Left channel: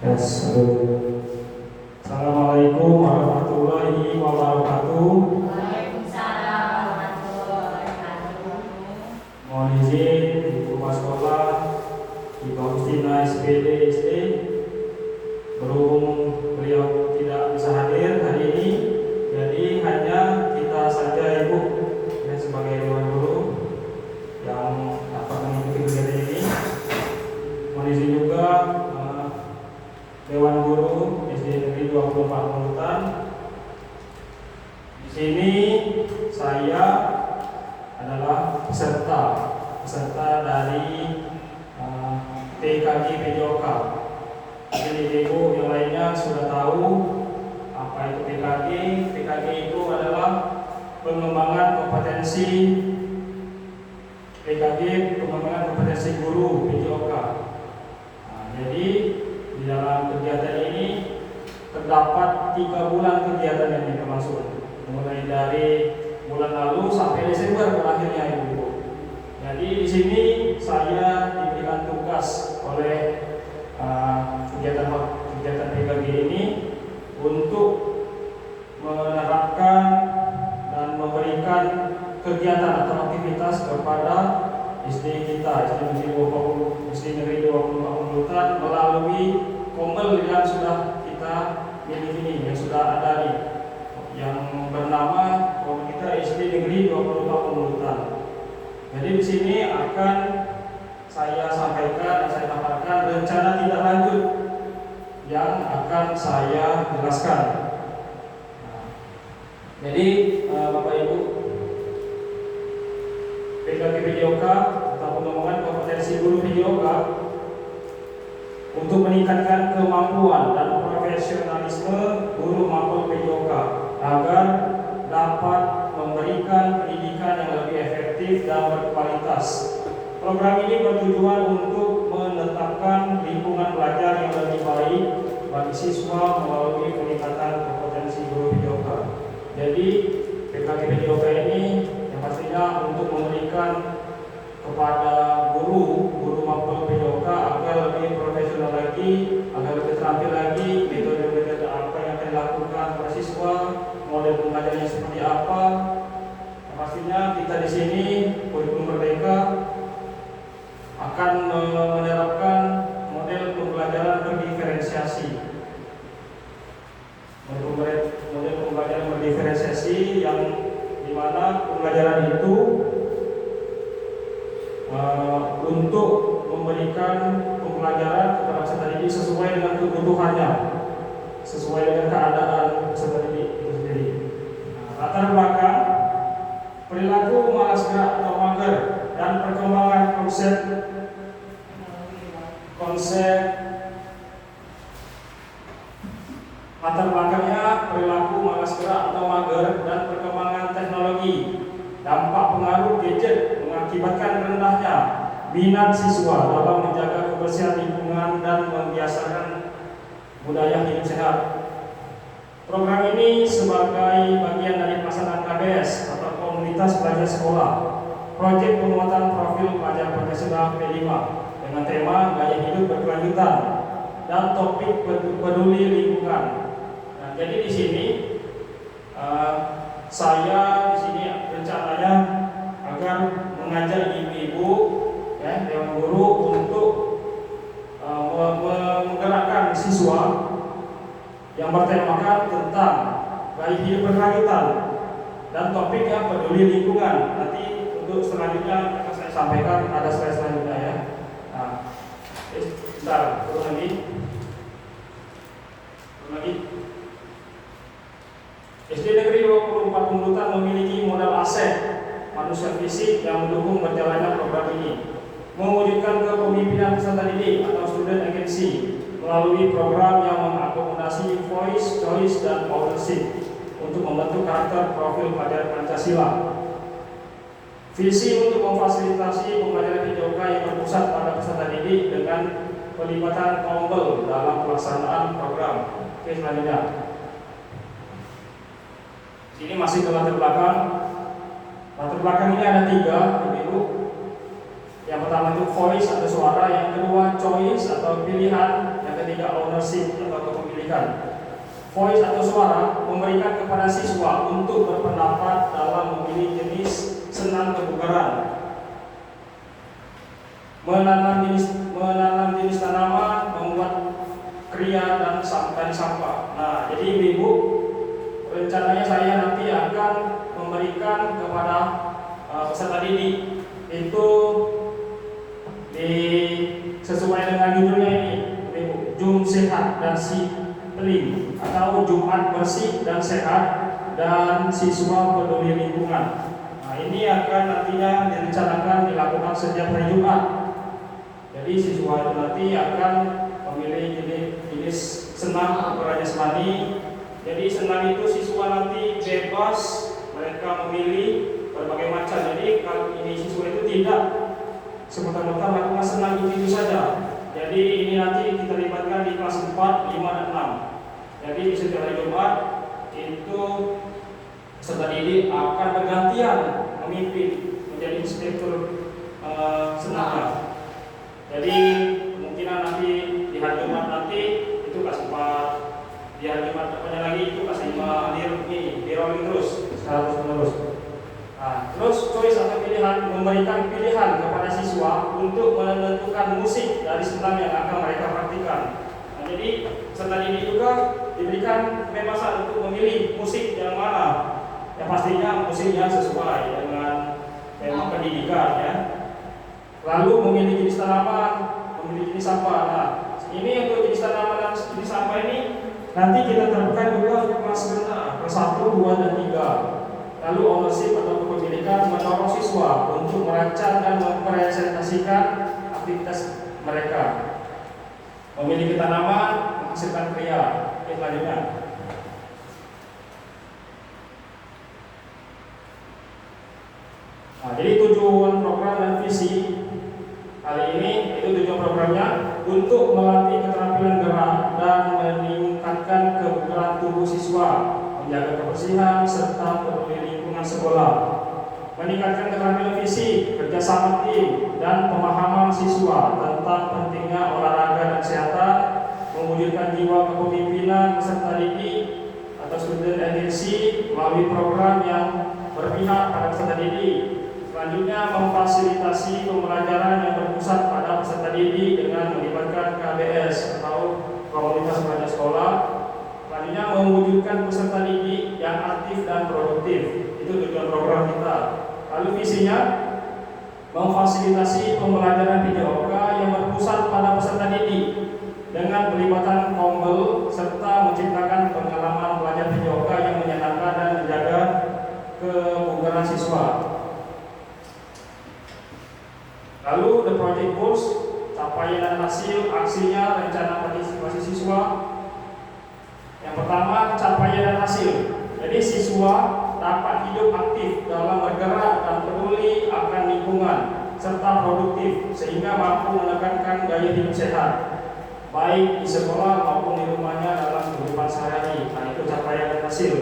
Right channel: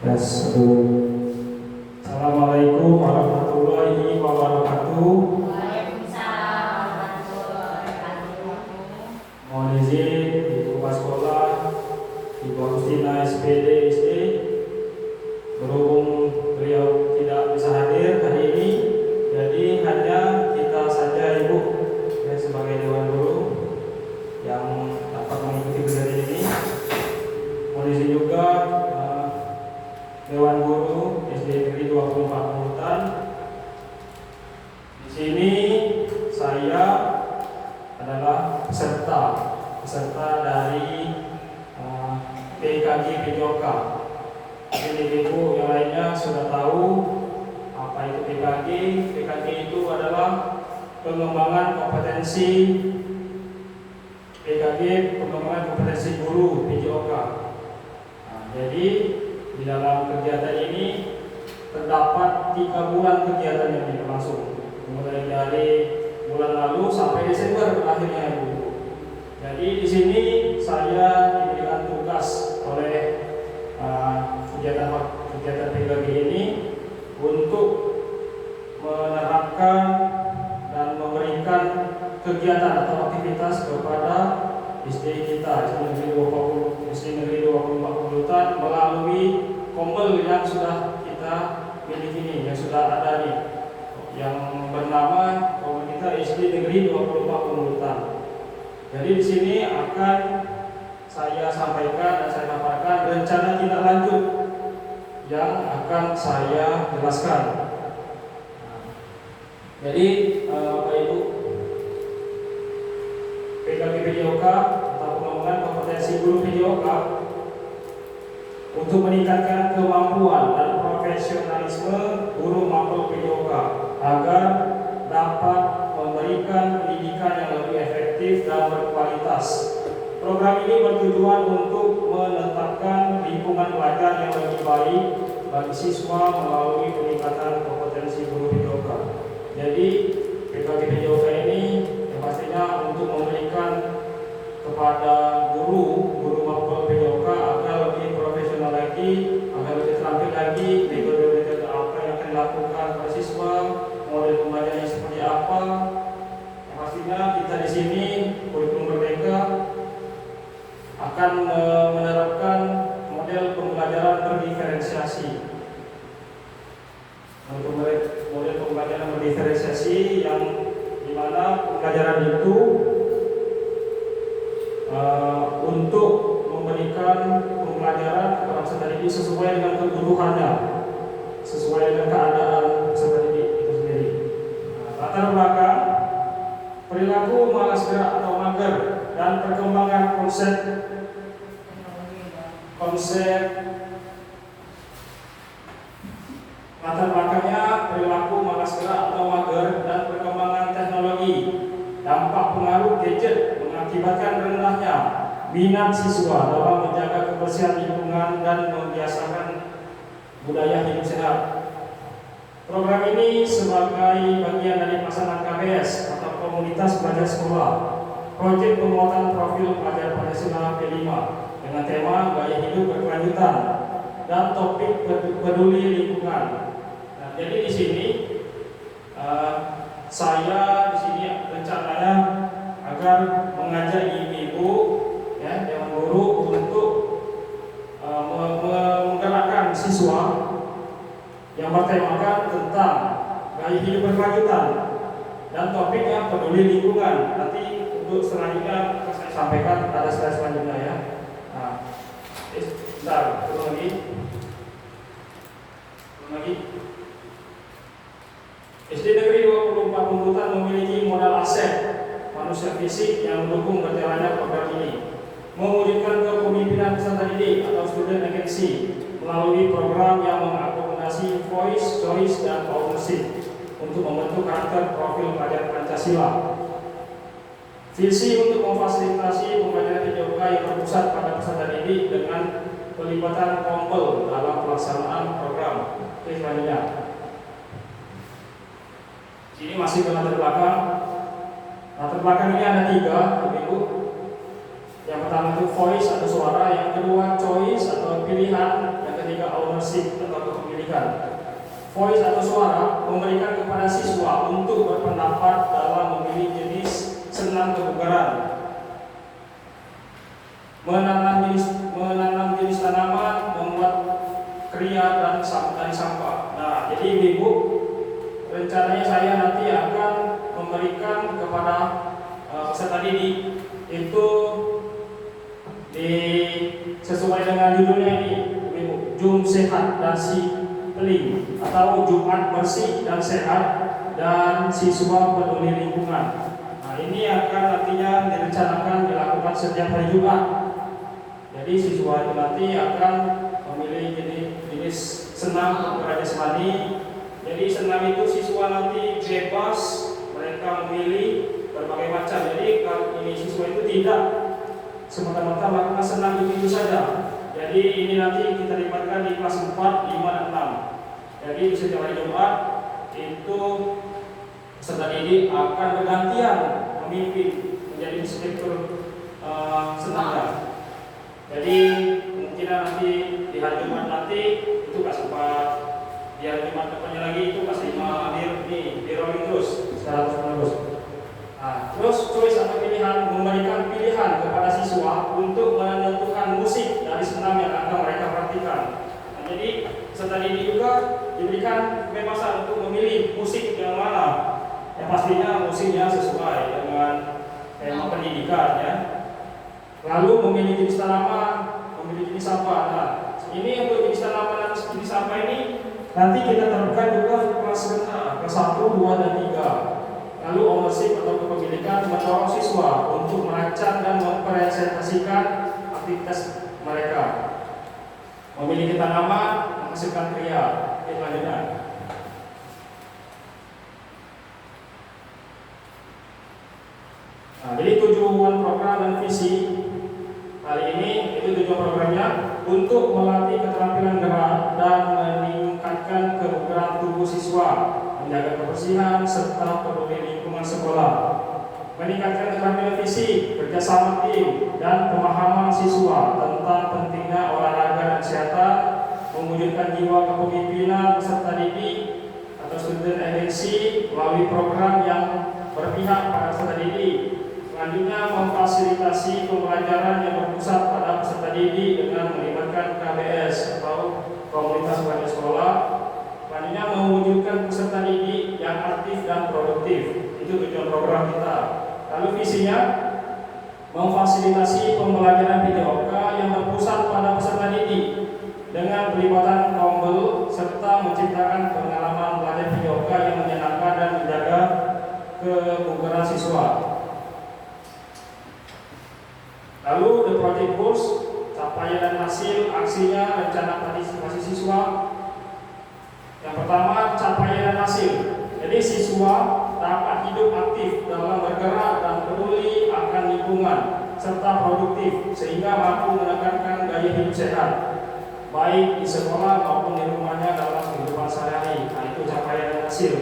Yes, Assalamualaikum warahmatullahi wabarakatuh. Waalaikumsalam warahmatullahi wabarakatuh. Mohon izin Ibu Kepala Sekolah Ibu Agustina SPD SD, berhubung beliau tidak bisa hadir hari ini, jadi hanya kita saja Ibu ya, sebagai Dewan Guru yang dapat mengikuti kegiatan ini. Mohon izin juga Dewan Guru SD Negeri 24 Nunutan. Di sini saya adalah peserta dari PKG PJOK. Jadi ibu yang lainnya sudah tahu apa itu PKG. PKG itu adalah pengembangan kompetensi guru PJOK. Jadi di dalam kegiatan ini terdapat 3 bulan kegiatan yang berlangsung, mulai dari bulan lalu sampai Desember akhirnya Ibu. Jadi di sini saya diberikan tugas oleh kegiatan PKG ini untuk menerapkan dan memberikan kegiatan atau aktivitas kepada SD kita, SD Negeri 24 Nunutan melalui pombel yang sudah kita miliki ini, yang sudah ada nih, yang bernama pombel kita SD Negeri 24 Nunutan. Jadi di sini akan saya sampaikan dan saya paparkan rencana tindak lanjut yang akan saya jelaskan. Jadi Bapak Ibu, PKG PJOK atau pengembangan kompetensi guru PJOK untuk meningkatkan kemampuan dan profesionalisme guru mapel PJOK agar dapat memberikan pendidikan yang lebih efektif dan berkualitas. Program ini bertujuan untuk menetapkan lingkungan belajar yang lebih baik bagi siswa melalui peningkatan kompetensi guru PJOK. Jadi PKG PJOK ini yang pastinya untuk memberikan kepada guru mapel PJOK agar lebih profesional lagi, agar lebih terampil lagi metode-metode apa yang akan dilakukan para siswa, model pembelajarannya seperti apa. Yang pastinya kita di sini kurikulum Merdeka akan menerapkan model pembelajaran berdiferensiasi. Model pembelajaran berdiferensiasi yang dimana pembelajaran itu untuk memberikan pembelajaran kepada peserta didik sesuai dengan kebutuhannya, sesuai dengan keadaan peserta didik itu sendiri. Latar belakang perilaku malas gerak atau mager dan perkembangan konsep latar belakangnya perilaku malas gerak atau mager dan perkembangan teknologi. Dampak pengaruh gadget mengakibatkan rendahnya minat siswa dalam menjaga kebersihan lingkungan dan membiasakan budaya hidup sehat. Program ini sebagai bagian dari pelaksanaan KBS atau Komunitas Belajar Sekolah, proyek penguatan profil pelajar Pancasila P5 dengan tema gaya hidup berkelanjutan dan topik peduli lingkungan. Nah, jadi di sini saya di sini rencananya agar mengajak ibu-ibu ya, Dewan Guru untuk menggerakkan siswa yang bertemakan tentang gaya hidup berkelanjutan dan topiknya peduli lingkungan. Nanti untuk selanjutnya akan saya sampaikan, ada slide selanjutnya ya. Nah, bentar, turun lagi. SD Negeri 24 Nunutan memiliki modal aset manusia fisik yang mendukung berjalannya program ini, mewujudkan kepemimpinan peserta didik atau student agency melalui program yang mengakomodasi voice, choice, dan authorship untuk membentuk karakter profil pelajar Pancasila. Visi untuk memfasilitasi pembelajaran PJOK yang berpusat pada peserta didik dengan pelibatan pombel dalam pelaksanaan program. Oke, selanjutnya. Ini masih ke latar belakang. Latar belakang ini ada 3, Ibu. Yang pertama itu voice atau suara, yang kedua choice atau pilihan, yang ketiga ketiga ownership atau kepemilikan. Voice atau suara memberikan kepada siswa untuk berpendapat dalam memilih jenis senam kebugaran, menanam jenis tanaman, membuat kriya dan sampah. Nah, jadi Ibu, rencananya saya nanti akan memberikan kepada peserta didik itu sesuai dengan judulnya ini, Ibu, Jum Sehat dan Si Peling atau Jumat Bersih dan Sehat dan Siswa Peduli Lingkungan. Nah, ini akan nantinya direncanakan dilakukan setiap hari Jumat. Jadi siswa itu nanti akan memilih jenis senam kebugaran jasmani. Jadi senam itu siswa nanti bebas, mereka memilih berbagai macam. Jadi kalau ini siswa itu tidak semata-mata melakukan senam itu saja. Jadi ini nanti kita libatkan di kelas 4, 5, dan 6. Jadi di setiap hari Jumat itu peserta didik akan bergantian memimpin menjadi inspektur senam. Jadi kemungkinan nanti di hari Jumat nanti itu kelas 4, di hari Jumat depannya lagi itu kelas 5, di rolling terus terus menerus. Nah, terus choice atau pilihan memberikan pilihan kepada siswa untuk menentukan musik dari senam yang akan mereka praktikkan. Nah, jadi peserta didik juga diberikan kebebasan untuk memilih musik yang mana. Yang pastinya musiknya sesuai dengan tema pendidikan ya. Lalu memilih jenis tanaman, memilih jenis sampah. Nah, ini untuk jenis tanaman dan jenis sampah ini nanti kita terapkan juga di kelas 1, 2, dan 3. Lalu ownership atau kepemilikan mendorong siswa untuk merancang dan mempresentasikan aktivitas mereka. Memiliki tanaman, menghasilkan kriya. Selanjutnya. Nah, jadi tujuan program dan visi kali ini itu tujuan programnya untuk melatih keterampilan gerak dan meningkatkan kebugaran tubuh siswa, menjaga kebersihan serta peduli lingkungan sekolah, meningkatkan keterampilan fisik, kerjasama tim, dan pemahaman siswa tentang pentingnya olahraga dan kesehatan, mewujudkan jiwa kepemimpinan peserta didik atau student agency melalui program yang berpihak pada peserta didik. Selanjutnya, memfasilitasi pembelajaran yang berpusat pada peserta didik dengan melibatkan KBS atau komunitas belajar sekolah. Selanjutnya, mewujudkan peserta didik yang aktif dan produktif. Itu tujuan program kita. Lalu visinya, memfasilitasi pembelajaran PJOK yang berpusat pada peserta didik dengan pelibatan Kombel serta menciptakan pengalaman belajar PJOK yang menyenangkan dan menjaga kebugaran siswa. Lalu the project goals, capaian dan hasil aksinya, rencana partisipasi siswa. Yang pertama, capaian dan hasil. Jadi siswa dapat hidup aktif dalam bergerak dan peduli akan lingkungan serta produktif sehingga mampu menekankan gaya hidup sehat baik di sekolah maupun di rumahnya dalam kehidupan sehari-hari. Nah, itu capaian dan hasil.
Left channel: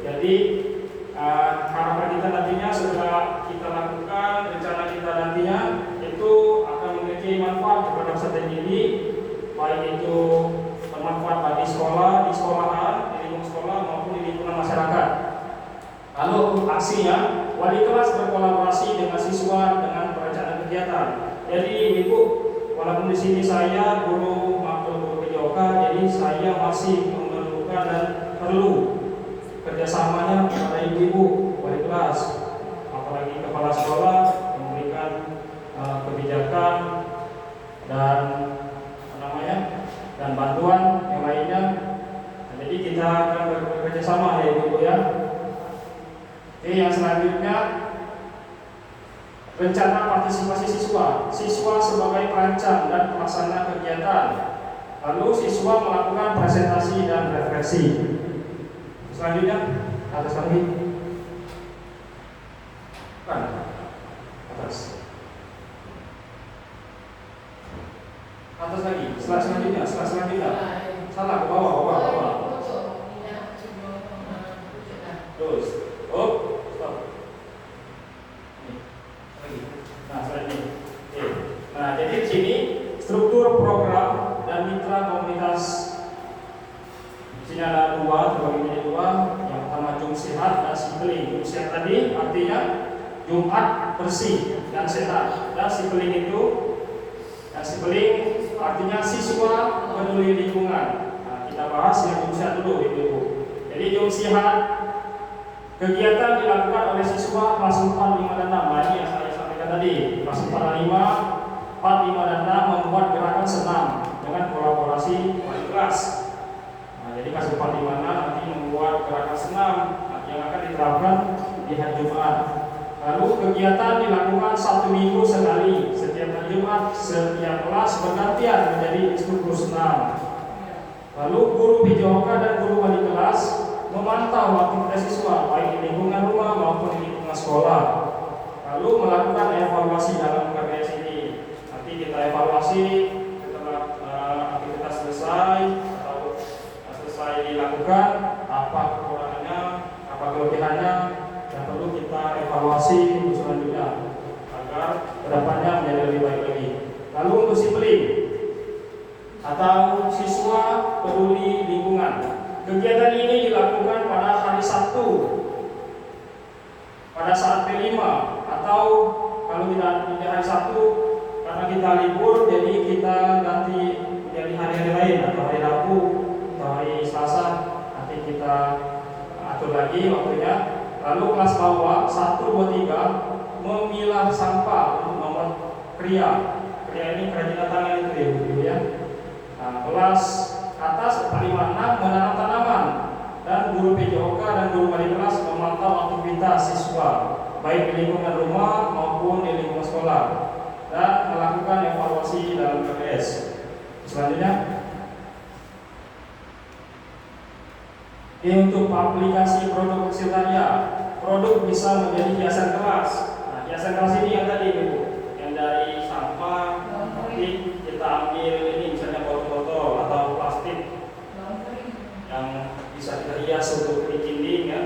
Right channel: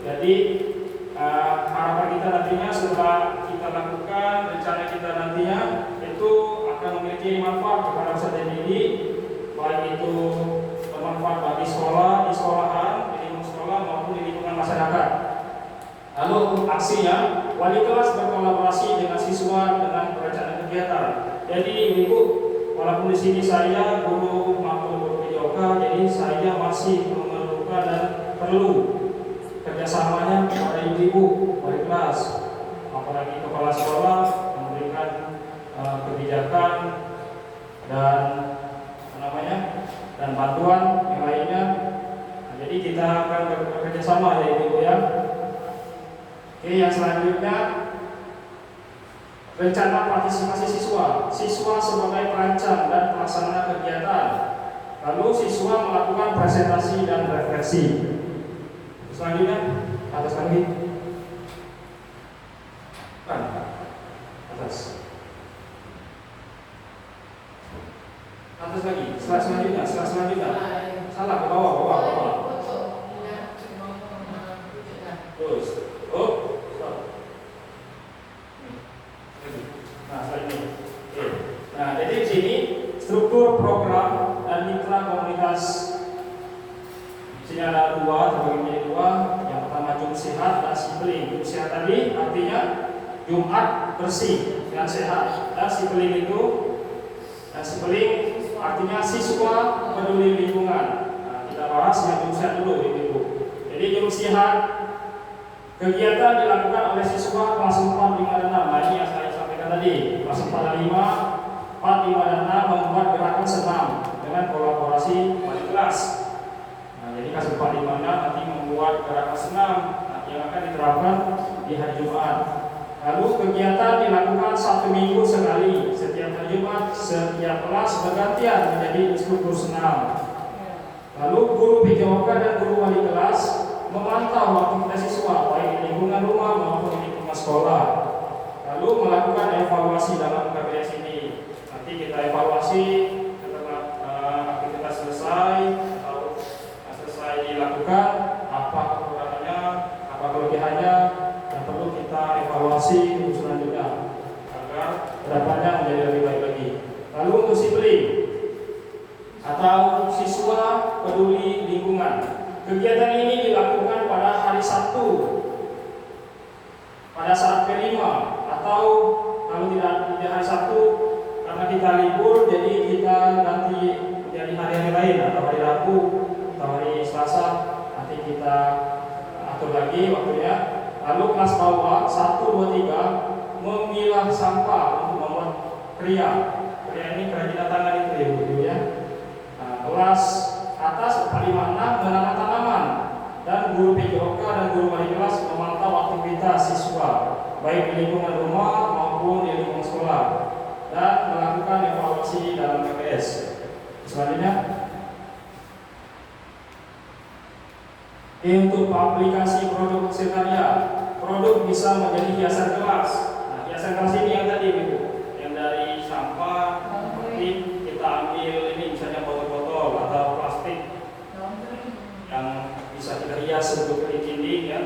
Jadi harapan kita nantinya setelah kita lakukan rencana kita nantinya itu akan memiliki manfaat kepada peserta didik, baik itu bermanfaat bagi sekolah, di sekolahan, di lingkungan sekolah maupun di lingkungan masyarakat. Lalu aksinya, wali kelas berkolaborasi dengan siswa dengan perencanaan kegiatan. Jadi Ibu, walaupun di sini saya guru makro PJOK, jadi saya masih memerlukan dan perlu kerjasamanya kepada ibu-ibu wali kelas, apalagi kepala sekolah memberikan kebijakan dan dan bantuan yang lainnya. Nah, jadi kita akan bekerja sama ya ibu ya. Oke, yang selanjutnya rencana partisipasi siswa. Siswa sebagai perancang dan pelaksana kegiatan. Lalu siswa melakukan presentasi dan refleksi. Selanjutnya atas lagi. Kan? Atas. Atas lagi. Selanjutnya. Salah ke bawah. Terus. Oh, stop. Lagi. Nah, selanjutnya. Oke. Nah, jadi di sini struktur program dan mitra komunitas Jumat bersih yang sehat. Dan sipeling itu, sipeling artinya siswa peduli lingkungan. Nah, kita bahas yang jum sehat dulu Ibu. Jadi jum sehat kegiatan dilakukan oleh siswa kelas 4, 5, dan 6. Nah, ini yang saya sampaikan tadi. Kelas 4 dan 5, 4, 5, dan 6 membuat gerakan senam dengan kolaborasi wali kelas. Nah, jadi kelas 4, 5, 6 nanti membuat gerakan senam yang akan diterapkan di hari Jumat. Lalu kegiatan dilakukan 1 minggu sekali. Setiap hari Jumat, setiap kelas bergantian menjadi instruktur senam. Lalu guru PJOK dan guru wali kelas memantau aktivitas siswa baik di lingkungan rumah maupun di lingkungan sekolah. Lalu melakukan evaluasi dalam KBS ini. Nanti kita evaluasi setelah aktivitas selesai atau selesai dilakukan, apa kekurangannya, apa kelebihannya, dan perlu kita evaluasi untuk selanjutnya agar kedepannya menjadi lebih baik lagi. Lalu untuk sipeling atau siswa peduli lingkungan. Kegiatan ini dilakukan pada hari Sabtu pada saat P5 atau kalau tidak hari Sabtu karena kita libur jadi kita ganti menjadi hari-hari lain atau hari Rabu atau hari Selasa nanti kita atur lagi waktunya. Lalu kelas bawah 1, 2, 3 memilah sampah untuk membuat kriya. Kriya ini kerajinan tangan itu ya. Nah, kelas atas 4, 5, 6 menanam tanaman dan guru PJOK dan guru wali kelas memantau aktivitas siswa baik di lingkungan rumah maupun di lingkungan sekolah dan melakukan evaluasi dalam KBS. Selanjutnya, untuk aplikasi produk sekretariat, produk bisa menjadi hiasan kelas. Nah, hiasan kelas ini yang tadi Ibu, yang dari sampah nanti kita ambil ini misalnya botol-botol atau plastik yang bisa kita hias untuk dinding ya.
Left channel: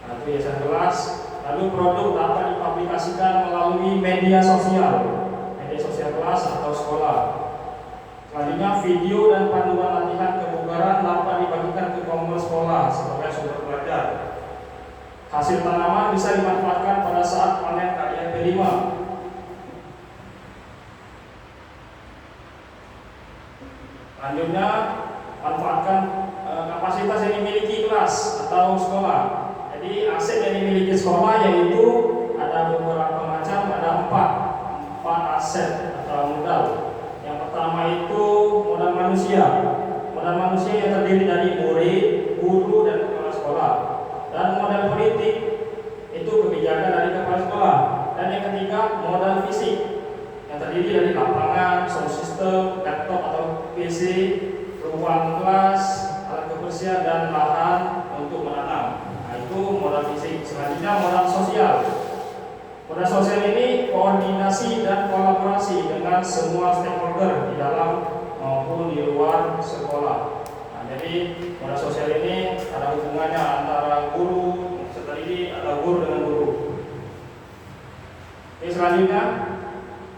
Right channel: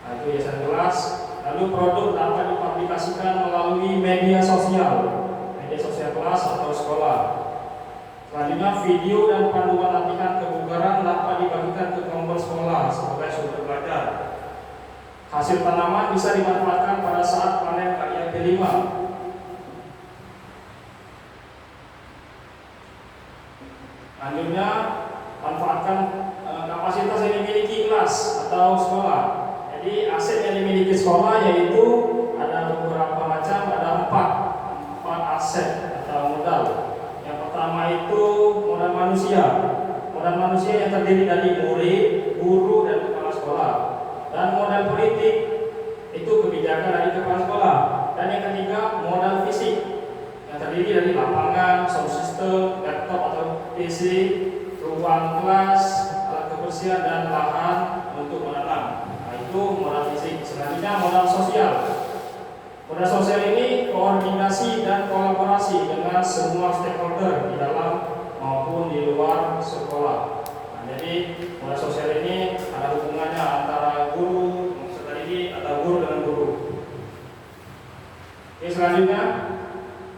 Nah, itu hiasan kelas. Lalu produk dapat diaplikasikan melalui media sosial kelas atau sekolah. Selanjutnya, video dan panduan latihan kebugaran dapat dibagikan ke kelompok sekolah sebagai sumber belajar. Hasil tanaman bisa dimanfaatkan pada saat panen karya P5. Selanjutnya, manfaatkan kapasitas yang dimiliki kelas atau sekolah. Jadi aset yang dimiliki sekolah yaitu ada beberapa macam, ada empat aset atau modal. Yang pertama itu modal manusia. Modal manusia yang terdiri dari murid, guru, dan kepala sekolah. Dan modal politik itu kebijakan dari kepala sekolah. Dan yang ketiga modal fisik yang terdiri dari lapangan, sound system, laptop atau PC, ruang kelas, alat kebersihan, dan lahan untuk menanam. Nah, itu modal fisik. Selanjutnya modal sosial. Modal sosial ini koordinasi dan kolaborasi dengan semua stakeholder di dalam maupun di luar sekolah. Nah, jadi modal sosial ini ada hubungannya antara guru, peserta didik, atau guru dengan guru. Oke, selanjutnya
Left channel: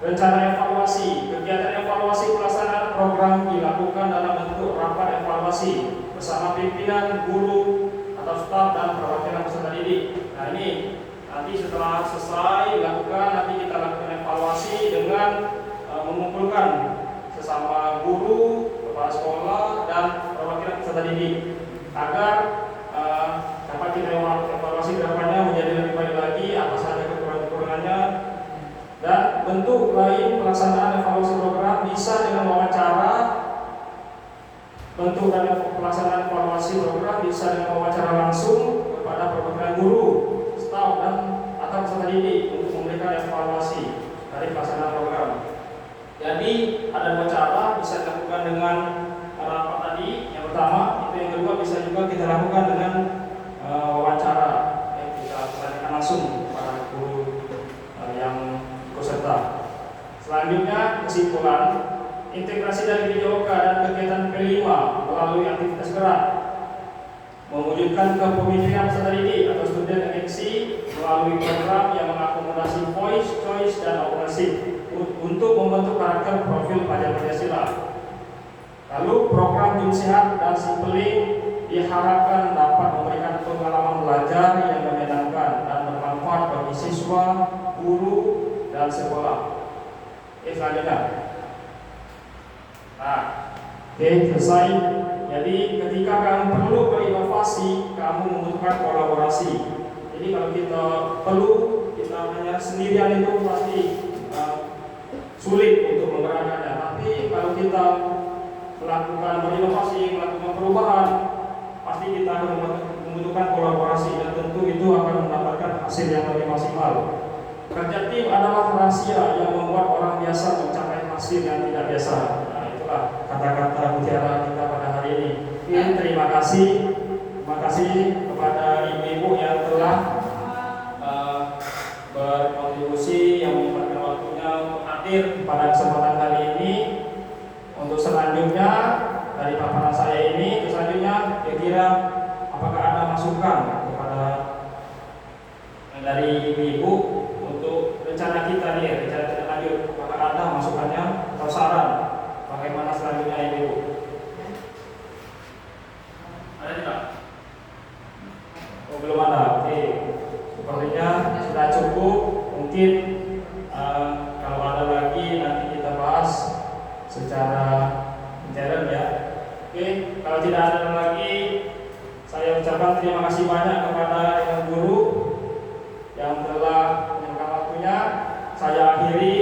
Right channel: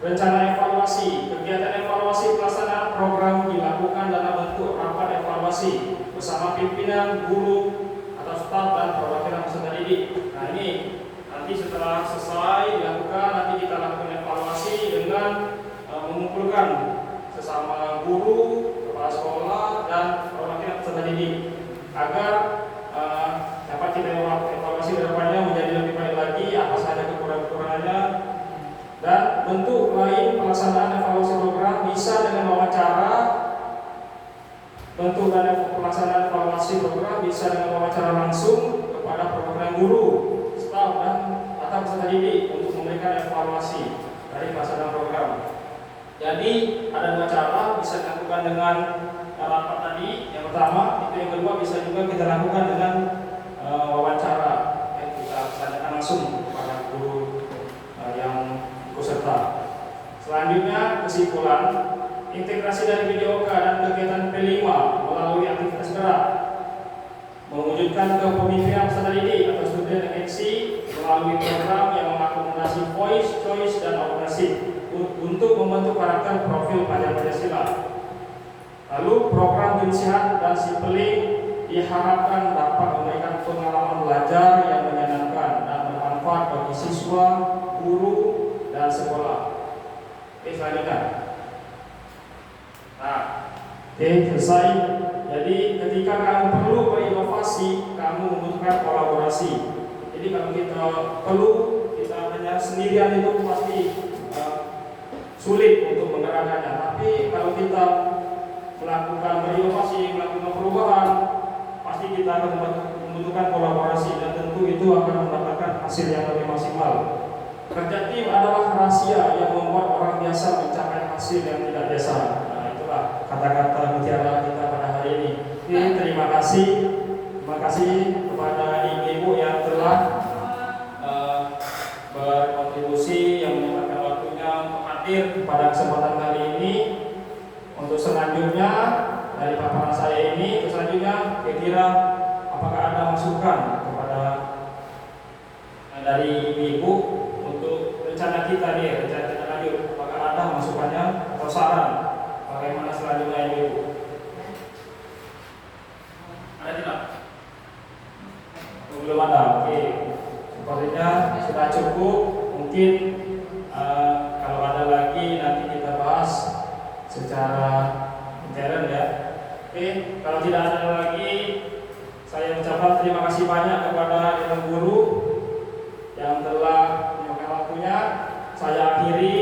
rencana evaluasi. Kegiatan evaluasi pelaksanaan program dilakukan dalam bentuk rapat evaluasi bersama pimpinan, guru, atau staf dan perwakilan peserta didik. Nah, ini nanti setelah selesai dilakukan, nanti kita lakukan evaluasi dengan mengumpulkan sesama guru, kepala sekolah, dan perwakilan peserta didik agar dapat kita evaluasi ke depannya menjadi lebih baik lagi, apa saja kekurangannya. Dan bentuk lain pelaksanaan evaluasi program bisa dengan wawancara. Bentuk dan pelaksanaan evaluasi program bisa dengan wawancara langsung kepada perwakilan guru, staf, dan atau peserta didik untuk memberikan evaluasi dari pelaksanaan program. Jadi ada dua cara bisa dilakukan dengan rapat tadi. Yang pertama, itu yang kedua bisa juga kita lakukan dengan wawancara. Kita tanyakan langsung kepada guru yang ikut serta. Selanjutnya, kesimpulan. Integrasi dari PJOK dan kegiatan P5 melalui aktivitas gerak mewujudkan kepemimpinan peserta didik atau student agency melalui program yang mengakomodasi voice, choice, dan ownership untuk membentuk karakter profil pelajar Pancasila. Lalu program Jum Sehat dan Sipeling diharapkan dapat memberikan pengalaman belajar yang menyenangkan dan bermanfaat bagi siswa sekolah. Selanjutnya. Nah, selesai. Jadi ketika kamu perlu berinovasi, kamu membutuhkan kolaborasi. Jadi kalau kita hanya sendirian itu pasti sulit untuk menggerakkannya. Tapi kalau kita melakukan berinovasi, melakukan perubahan, pasti kita akan membutuhkan kolaborasi dan tentu itu akan mendapatkan hasil yang lebih maksimal. Kerja tim adalah rahasia yang membuat orang biasa mencapai hasil yang tidak biasa. Nah, itulah kata-kata mutiara kita pada hari ini. Terima kasih kepada ibu-ibu yang telah berkontribusi, yang menyempatkan waktunya untuk hadir pada kesempatan kali ini. Untuk selanjutnya dari paparan saya ini, selanjutnya kira-kira apakah ada masukan kepada dari ibu-ibu untuk rencana kita lanjut? Apakah ada masukannya atau saran bagaimana selanjutnya ibu? Ada tidak? Oh, belum ada. Oke, sepertinya sudah cukup. Mungkin kalau ada lagi nanti kita bahas secara intern ya. Oke, kalau tidak ada lagi, saya ucapkan terima kasih banyak kepada Dewan Guru yang telah menyempatkan waktunya. Saya akhiri